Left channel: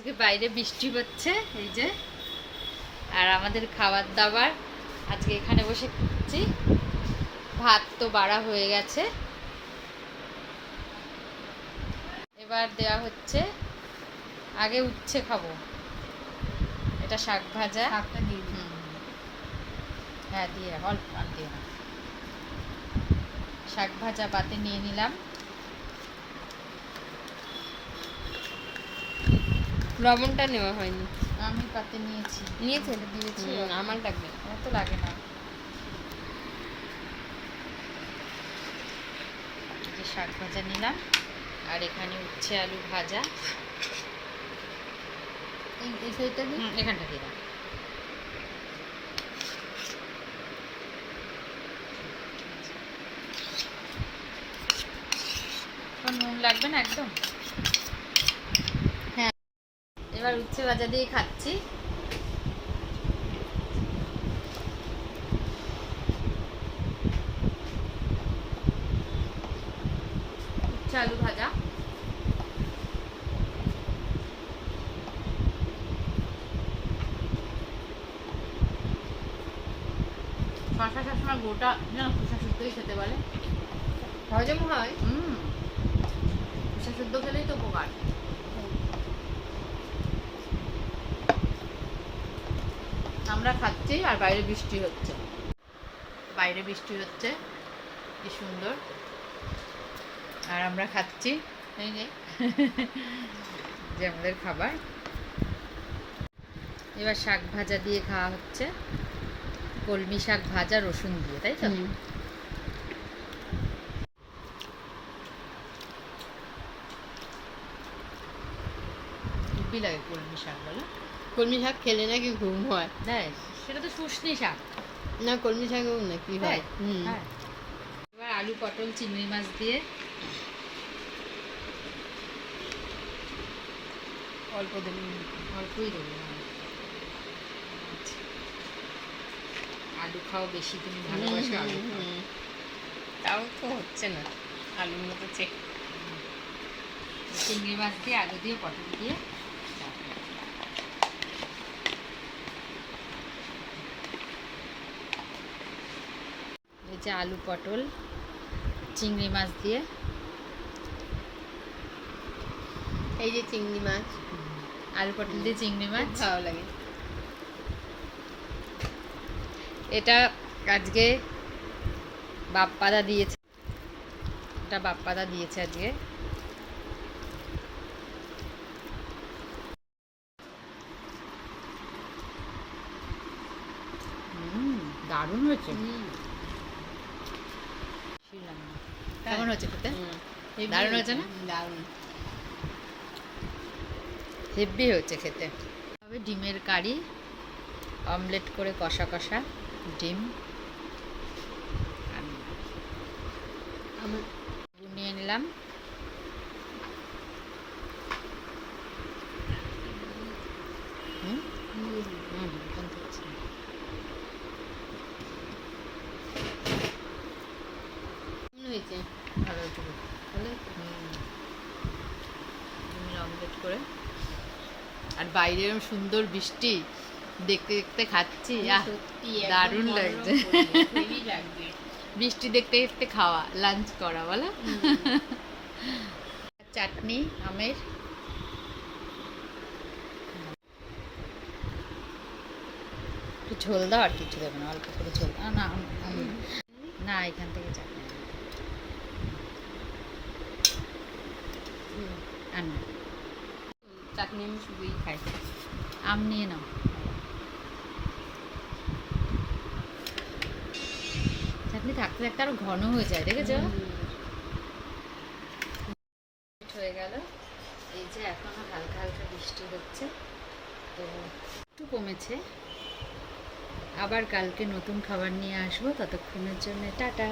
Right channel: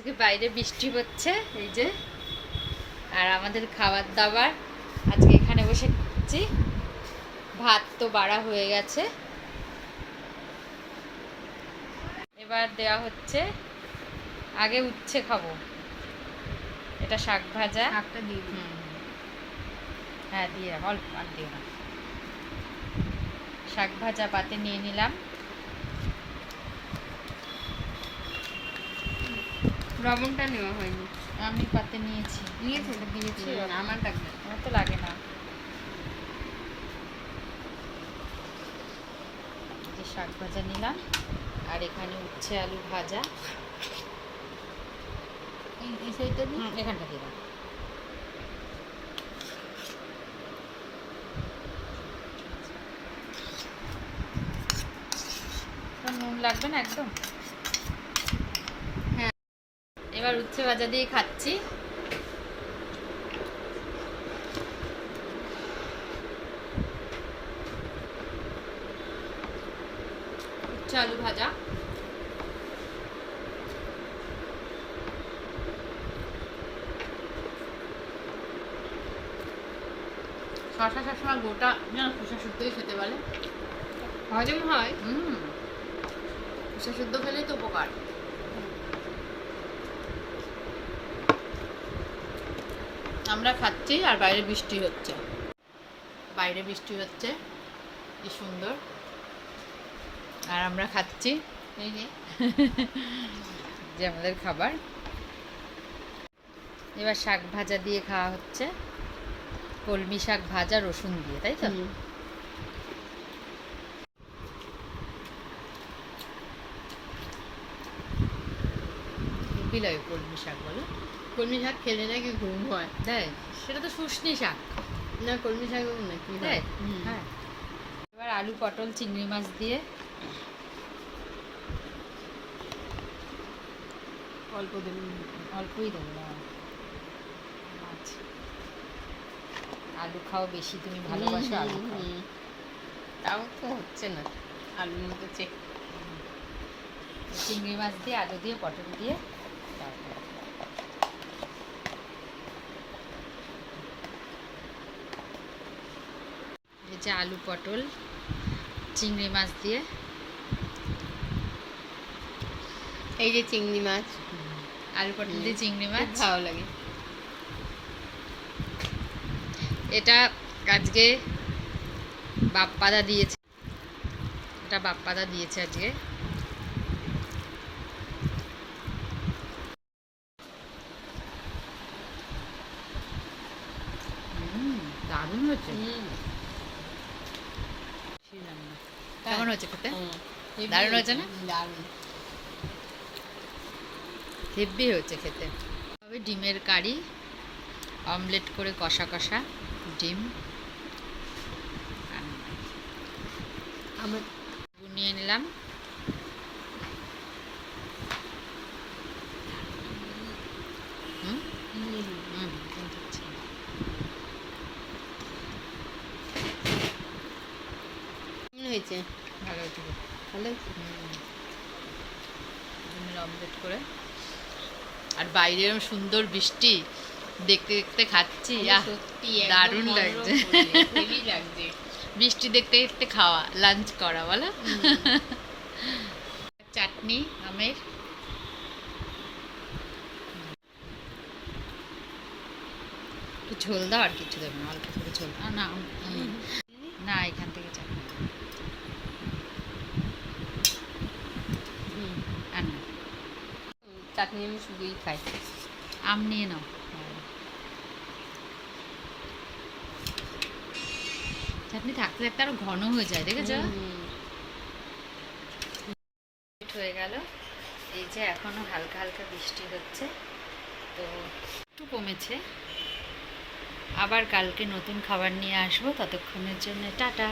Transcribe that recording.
আজকে বাইরে বৃষ্টি হচ্ছে এই যে, আর আমাদের খাবার দাবার আজকে এখানে বসে খাচ্ছি। ভাত তো বাড়া হয়ে গেছে, এবার দেওয়া হচ্ছে। আগে উচ্ছে খাবো, এটা শাক ভাজা। হ্যাঁ দিয়ে অল্প আর দিও না। শাক ভাজা পাতে নিয়ে নিলাম। লবণটা নেওয়া হয়নি, আমি পাতে নিয়েছি। নিয়েছে এটা দিয়েছি, আমার লাগবে, আমার তো লাগে না। শাক ভাজা নিলাম, আর এখানে উচ্ছে আলু ভাজা। এখানটা দিলাম। নুন লাগবে না একদম। হ্যাঁ, এবার উচ্ছে ভাজা দিয়ে খাচ্ছি। উচ্ছে আলু ভাজা। শশা সবসময় গোটা যেন খোসা শুদ্ধই খেতে বলে, হজম হয়। খোসা শুদ্ধ খেলেই তো উপকার। আমরা খাচ্ছি আর বাইরে বৃষ্টি হচ্ছে। বাইরে বৃষ্টি হচ্ছে, কি সুন্দর। আর আমরা খাচ্ছি যে আমাদের খাবার। এবার শাক ভাজা দিয়ে খাওয়া হচ্ছে, কলমি শাক ভাজা রসুন দিয়ে, তাই তো? হেব্বি লাগে কলমি শাক, বলো? কলমি শাক খেলে নাকি ঘুম হয়। দেয়, সেটা তো শুশনি শাক না, কলমি শাক নাকি হয়। হ্যাঁ। এবার আলু পটল চিংড়ি মাছ দিয়ে অল্প দেবেন, অল্পই দেবো। আলু খাও বেশি, তুমি ভালোবাসো আলু খাও। তাও তো হচ্ছে না, আলুর মতো চেক। চিংড়ি মাছ দিয়ে আলু দিয়ে পটল দিয়ে এই যে আলু পটল চিংড়ি মাছ দিয়ে। এই যে চিংড়ি মাছ, আলু পটল দিয়ে চিংড়ি মাছ ভালো লাগে। এটা আজকে বাপ্পাদা দিয়েছে, এটা বাপ্পাদা দিয়েছে আজকে। দারুণ হয়েছে। কেমন হচ্ছে খেতে? দারুণ হয়েছে না? দারুণ, হেভি হচ্ছে খেতে। তবে ডিমের কারি, অমলেট করে কষা কষা ডিম নিয়ে নিলাম। হয়েছে, ভালো হয়েছে, ভালো। ডিমের অমলেট করে। আর বাইরে এরকম সুন্দর বৃষ্টি দেখতে দেখতে খাচ্ছি, দারুণ লাগছে। বৃষ্টি দেখতে দেখতে খাওয়া, লাঞ্চ করা, বলো? চাটনি আমের। একটু ঝোল দাও, আর কিছু দেবে না, অল্প করে ঝোল। না না, এখান থেকে চাটনি আর না। চাটনি আমি শুধুই খাই। আম নিয়ে নাও। চাটনি থাকতে থাকতে আরো ঘন হয়ে যায়, দেখেছো? হয়ে গেল। এই যে এখনো হালকা হালকা বৃষ্টি হচ্ছে, তো একটু কমেছে। আবার কালকে নতুন খাবার নিয়ে আসবো, ততক্ষণের জন্য টাটা।